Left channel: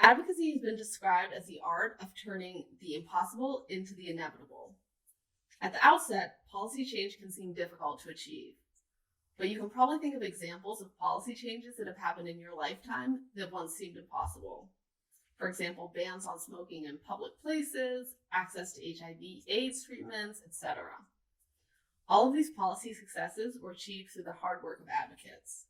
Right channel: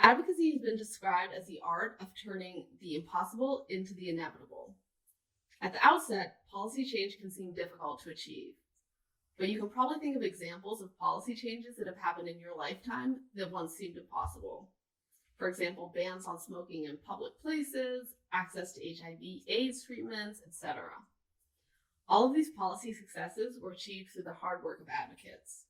Advocacy has been described as the art of turning the impossible into the inevitable. At the outset, policy change can seem difficult to achieve, but you can probably think of examples of policy changes that have happened in your lifetime that once seemed impossible. For example, bans on smoking in public places, access to HIV/AIDS treatments, etc. All of these policy successes were achieved through the hard work of advocates.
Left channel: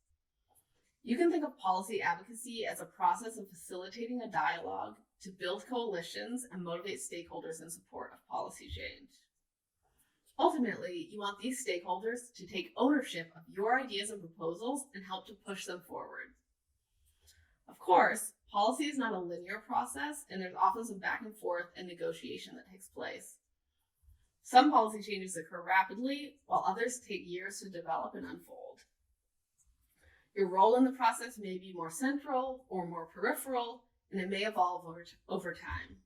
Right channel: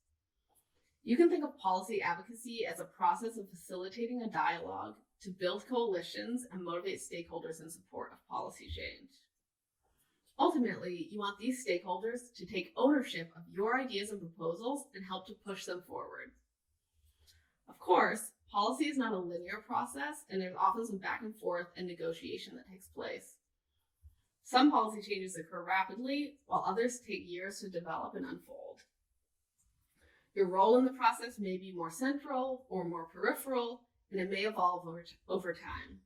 You can think of policy advocacy as a process of facilitating a dialogue to build coalitions and motivate stakeholders in support of policy change. Ultimately, you want these stakeholders to take ownership of your ideas and proposals and help to push them forward. Of course, policy is not a linear process, and there's often some back and forth and negotiation that takes place. Some policy changes occur rapidly, while others take years to develop and unfold. Your role in the process may be more central or more peripheral, and it may evolve over time.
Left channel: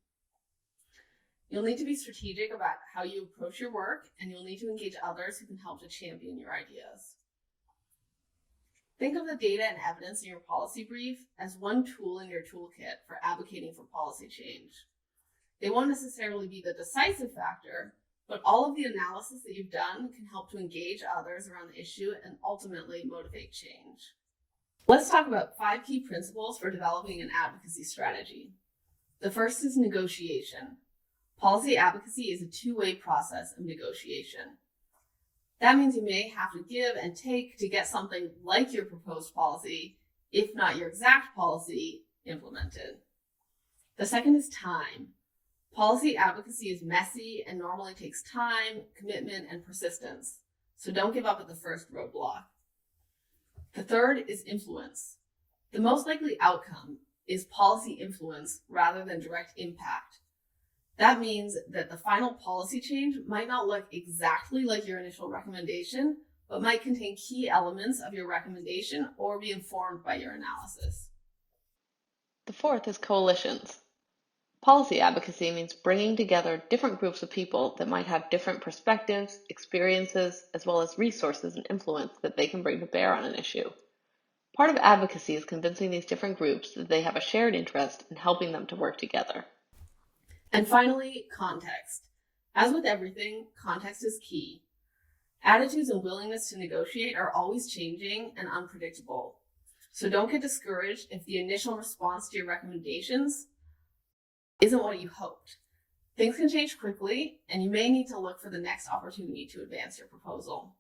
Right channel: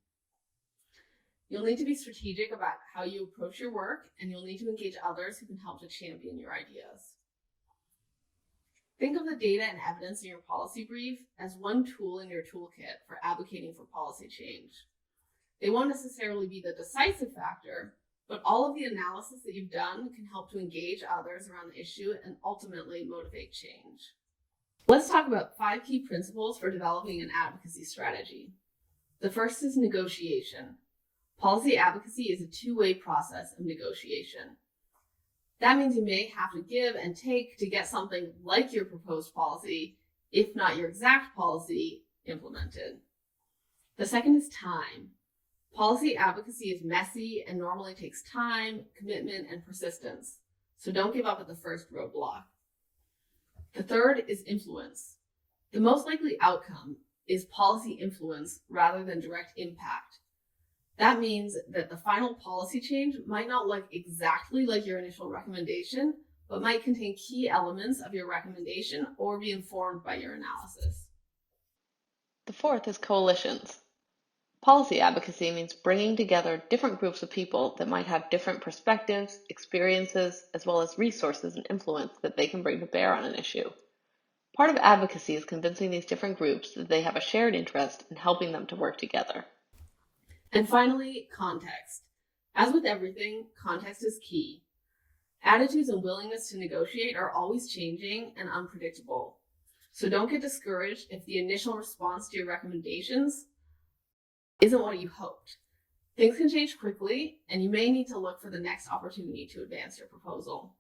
You'll need to be strategic about how you approach your work, and you'll need to engage others who can help to champion your ideas. Think of the data and evidence in your policy brief as one tool in your toolkit for advocating for policy change. They won't necessarily be the decisive factor, but all of the analysis that you've done can help to engage others around the issue and ultimately motivate change. Let's talk about 5 key principles for developing an advocacy strategy. The first is negotiation. Policy advocacy is a two-way process of negotiation. That means you may have to give and take to get something like your proposed policy, if not your exact policy, implemented. The second is time. Policy advocacy is messy and normally takes time, commitment, and persistence, so don't give up at the first roadblock. The third is influence. The most likely outcome is policy influence rather than direct impact. That means that the final policy change might not look exactly like your initial recommendation, but might contain key elements of your recommendation or be informed by your analysis. The fourth is coalitions. Policy advocacy means bringing together different groups of people that might have different perspectives, experiences, as well as resources and influence that they can bring to bear on an issue. Part of advocacy is convincing these different groups that they have a shared interest in helping them to work together. And finally, context. As with everything, context is key. Attitudes and willingness to negotiate are always changing and unpredictable. So don't get discouraged if the initial response to your recommendations isn't what you hoped. Things can change quickly, and you may need to look for the next opportunity to advance your proposal.